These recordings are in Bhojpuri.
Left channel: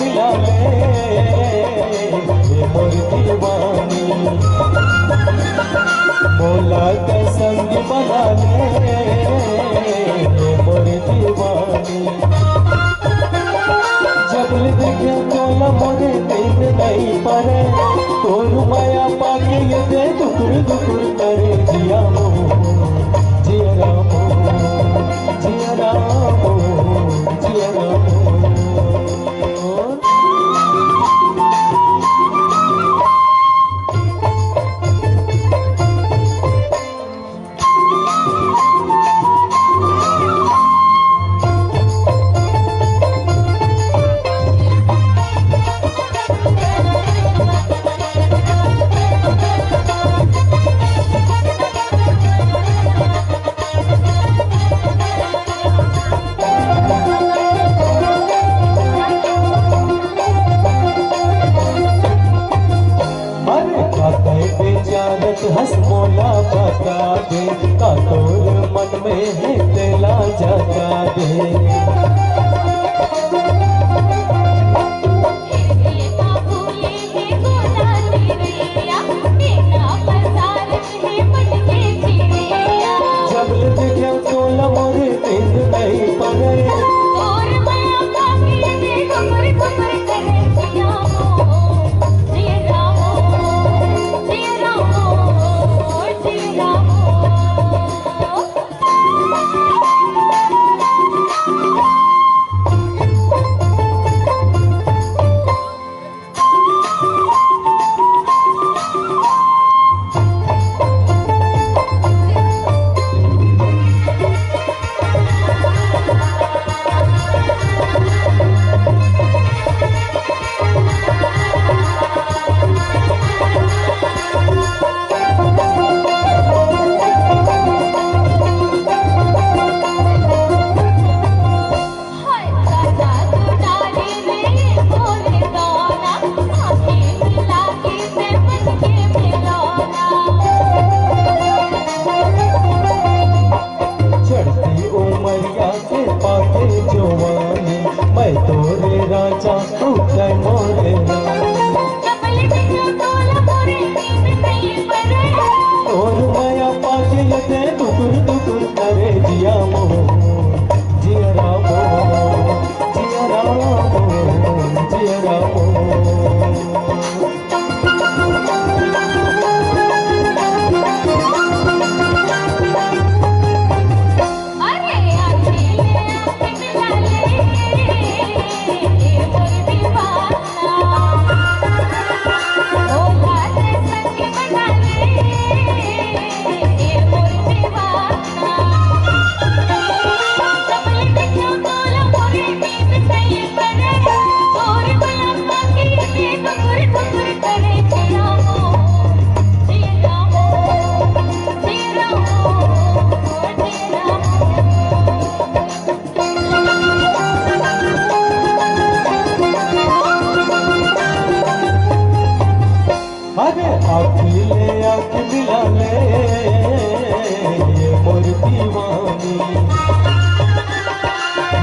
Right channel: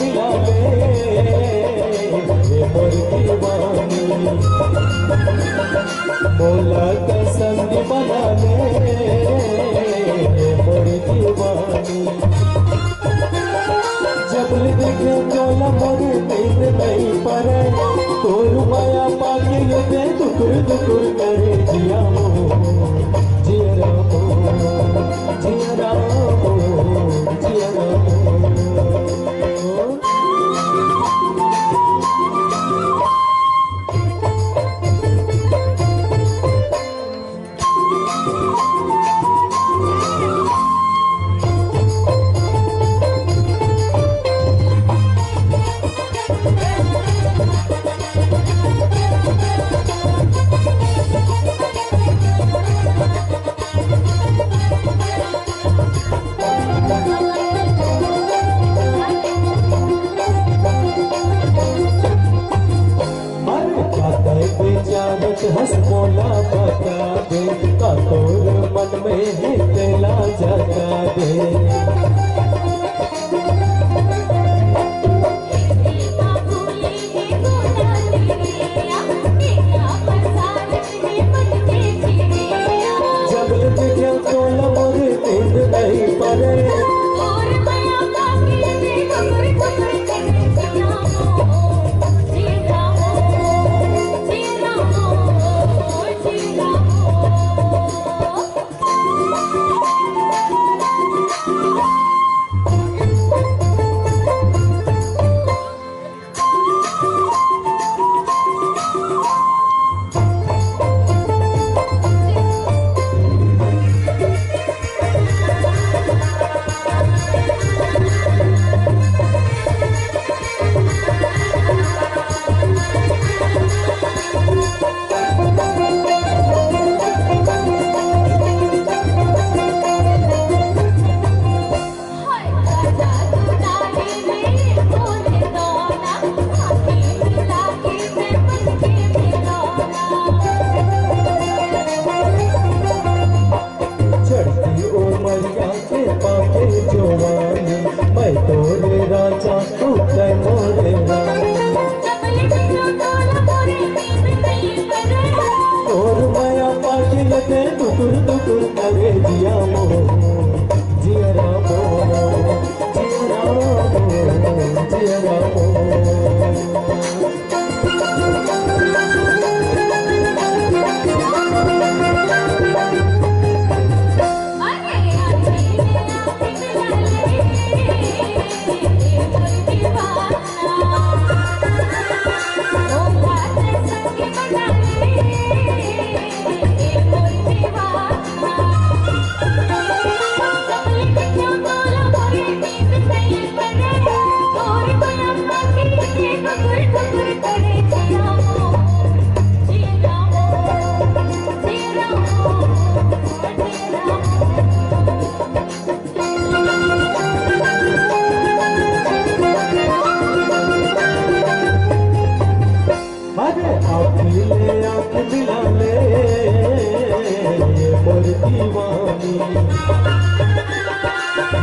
मिला ले मोर दीवानी, मौला का संग बना ले मोर दीवानी। जब देखे तोला मोरे दिन नहीं परे, तोर माया पाके ये दे दुकुर दुकुर करे जिया मो जिया रामो जिया रामो जिया रामो। हंस बोला बता दे का तोर मन में है तेला जगा दे। और माया पाके लगे दुकुर दुकुर करे जिया मो जिया रामो जिया रामो जिया रामो।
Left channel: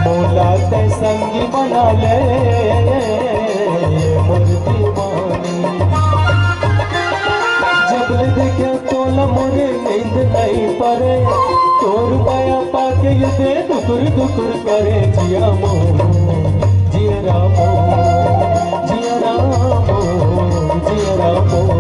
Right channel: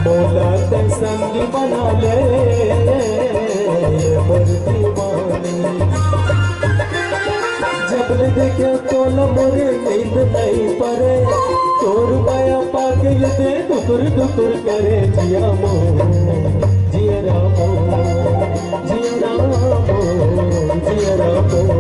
मौला ते संगी बना ले मोर दीवानी। जब देखे तोला मोरे नींद नहीं परे, तोर माया पाके ये दे दुकुर दुकुर करे जिया मो जिया रामो जिया रामो जिया रामो।